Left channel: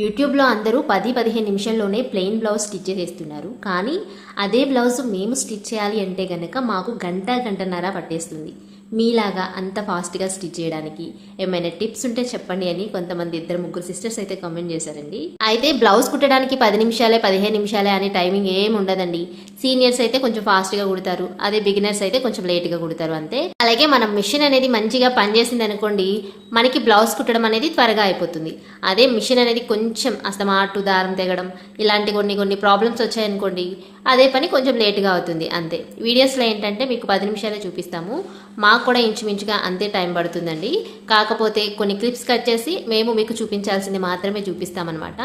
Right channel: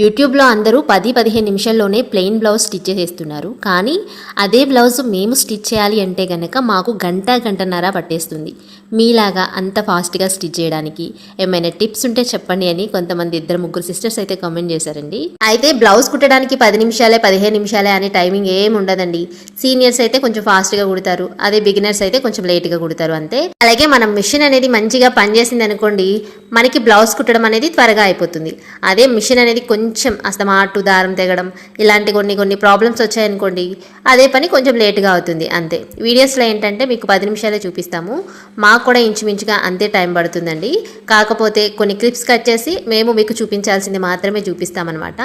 యూట్యూబ్లో అందరూ 10-15 నిమిషాల్లోనే ప్లెయిన్ బ్లౌజ్ స్టిచ్ చేసేస్తున్నారు. కానీ అదే బ్లౌజ్ మేము స్టిచ్ చేయాలి అంటే గనక మాకు గంటన్నర పట్టేస్తుంది. మీలాగా అంత ఫాస్ట్గా స్టిచ్ చేయడానికి ఏమైనా టిప్స్ ఉంటే చెప్పండి అని కొంతమంది 2-3 సిస్టర్స్ అయితే కామెంట్ చేశారండి. అయితే బ్లౌజ్ కుట్టడానికి 10 నిమిషాలే 15 నిమిషాలే అని టైమింగ్ ఏం ఉండదండి. సీనియర్స్ అయితే కొంచెం ఫాస్ట్గా కుడతారు, అదే బిగినర్స్ అయితే కొంచెం లేట్గా కుడతారు అంతే. అలాగే మనం మిషన్ అనేది మంచిగా పనిచేసింది అనుకోండి, మనకి బ్లౌజ్ కుట్టడం అనేది త్వరగా అయిపోతుంది. అదే మిషన్ అనేది కొంచెం అస్తమాటు దారం తెగడం ఇలాంటి కొన్ని ప్రాబ్లమ్స్ వచ్చాయనుకోండి, అదే పని కొంచెం లేట్గా అవుతుంది అంతే. వీడియోస్లో ఏంటంటే మీకు 10 నిమిషాలే చూపిస్తాము, మాకు కూడా ఇంచుమించుగా అంతే టైం పడుతుందండి. కాకపోతే కొన్ని క్లిప్స్ కట్ చేసి మేము మీకు చూపించాల్సింది మాత్రమే చూపిస్తామన్నమాట.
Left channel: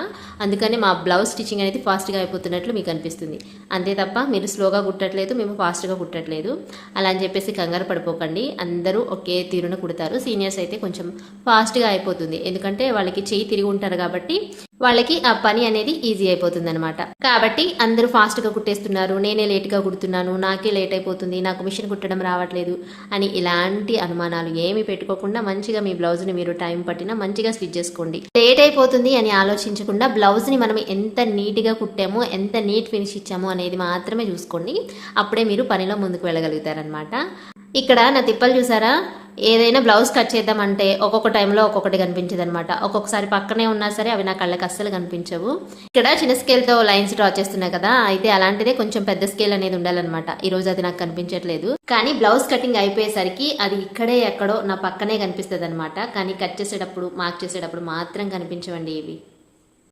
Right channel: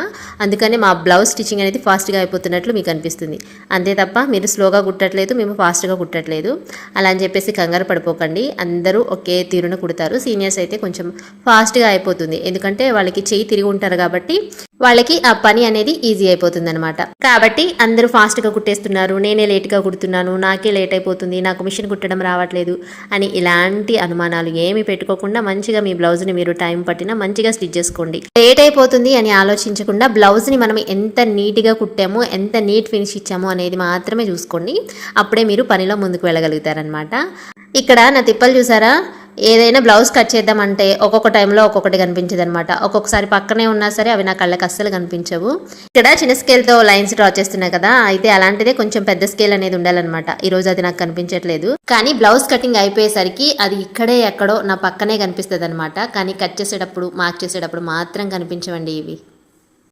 అందుకని మా బ్లౌజ్ స్టిచ్చింగ్ అనేది ఫాస్ట్గా అయిపోతున్నట్లు మీకు అనిపిస్తుంది అంతే తప్ప మీరు స్లోగా కుట్టట్లేదు, మేము ఫాస్ట్గా కుట్టట్లేదు అలా అని చెప్పేసి కంగారు పడిపోకండి. అందరూ ఒకే తీరున కుడతారు. సీనియర్స్ అయితే కొంచెం ఫాస్ట్గా అయిపోతుంది, ఎందుకంటే వాళ్ళకి చెయ్యి తిరిగి ఉంటారు కాబట్టి వాళ్ళకి ఆ పని అనేది ఈజీ అయిపోతుంది అనమాట. కాబట్టి అందరూ ఫాస్ట్గా కుట్టేస్తున్నారు, నేనే లేట్గా కుడుతున్నాను, నాకే లేట్ అయిపోతుంది, నాకు మిషన్ కుట్టడం రావట్లేదు అని ఇలాంటి అనుమానాలు ఏమి పెట్టుకోకుండా మంచిగా మీ బ్లౌజ్ని మీరు టైం పట్టినా మంచిగా స్టిచ్ చేసుకోండి. లేట్ అయిపోతుంది అని ఆలోచించకుండా బ్లౌజ్ని మనం ఎంత నీట్గా కుట్టామో, ఎంత నీట్ ఫినిష్ ఇచ్చామో అనేది మాత్రమే చూసుకోండి. అప్పుడే మీరు పనిలో ముందుకు వెళ్ళగలుగుతారనమాట. ఇక్కడ నా తిప్పలు చూసారా, ఏదైనా బ్లౌజ్ కట్ చేద్దామంటే ఒక్కొక్క టైంలో ఒక్కొక్కటి కనిపించదు అనమాట. ఒక్కొక్కసారి పక్కనే ఉన్నా సరే అవి నా కళ్ళకి అస్సలు కనిపించవు. ఇక్కడ చిన్న స్కేల్తో లైన్స్ డ్రా చేస్తున్నాయి కదా, అయితే అలాంటిదే కొంచెం పెద్ద స్కేల్ అనేది ఉండాలన్నమాట. ఈరోజు అది నాకు కనిపించట్లేదు, కానీ బ్లౌజ్ కటింగ్ అయిపోయేసరికి అది ఇక్కడే ఎక్కడో నా పక్కనే కనిపిస్తుంది అనమాట. కానీ కట్ చేసేటప్పుడు మార్క్ చేసేటప్పుడు మాత్రం కనిపించవండి ఇవి.